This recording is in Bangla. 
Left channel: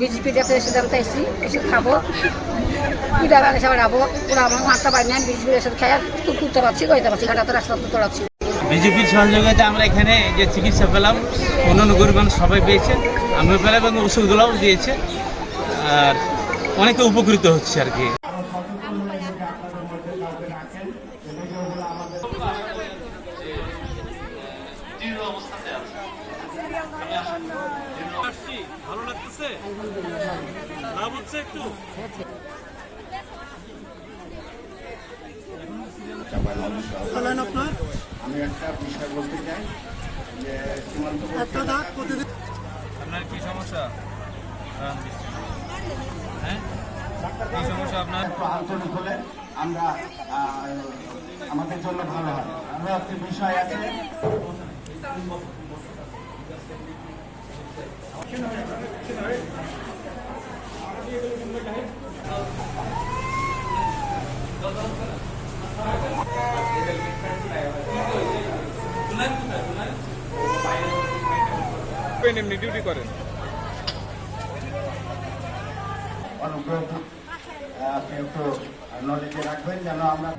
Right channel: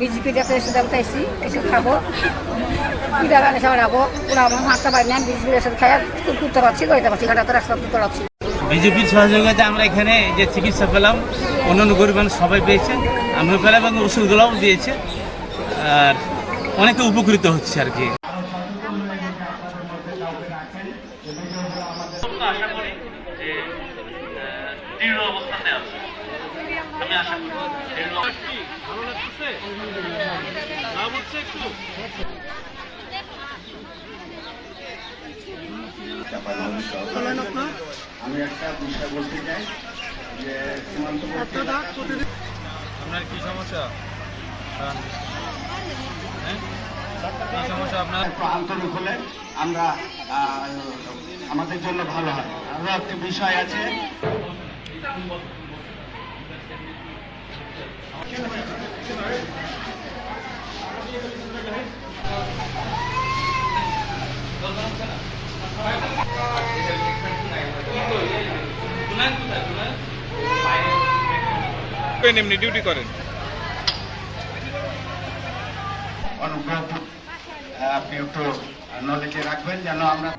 বিজেপিটা প্রেসিডেন্ট আইসি এসে খাবো পিঠা গালে সবাই যাবো ওরা আমার মাঠটা পাই না বিজেপির এসে খাই তুলতে পারছি কইতে পারছি ঘাটাতে রাস্তা তুলতে পারছি। বিজেপির সহযোগিতা আমরা এখানে যে চিকিৎসা পেলাম অন্যান্য গরিব মানুষ সবাই পেয়েছে, আমিও পেলাম এবং ওষুধগুলোও দিয়েছে আর অনেকে উপকৃত হচ্ছে আর কি। আমি একটা বিষয় বলতে চাই যে আপনার কি সমস্যা? হ্যাঁ কি সমস্যা আপনার? আন্তরিক হলে আমরা আমাদের জন্য ভালো হয়। আরও একটা বিষয় আছে, এমনি ডিউটি করেন অনুগ্রহ আপনি একটু নলেজে রাখবেন যেন আমরা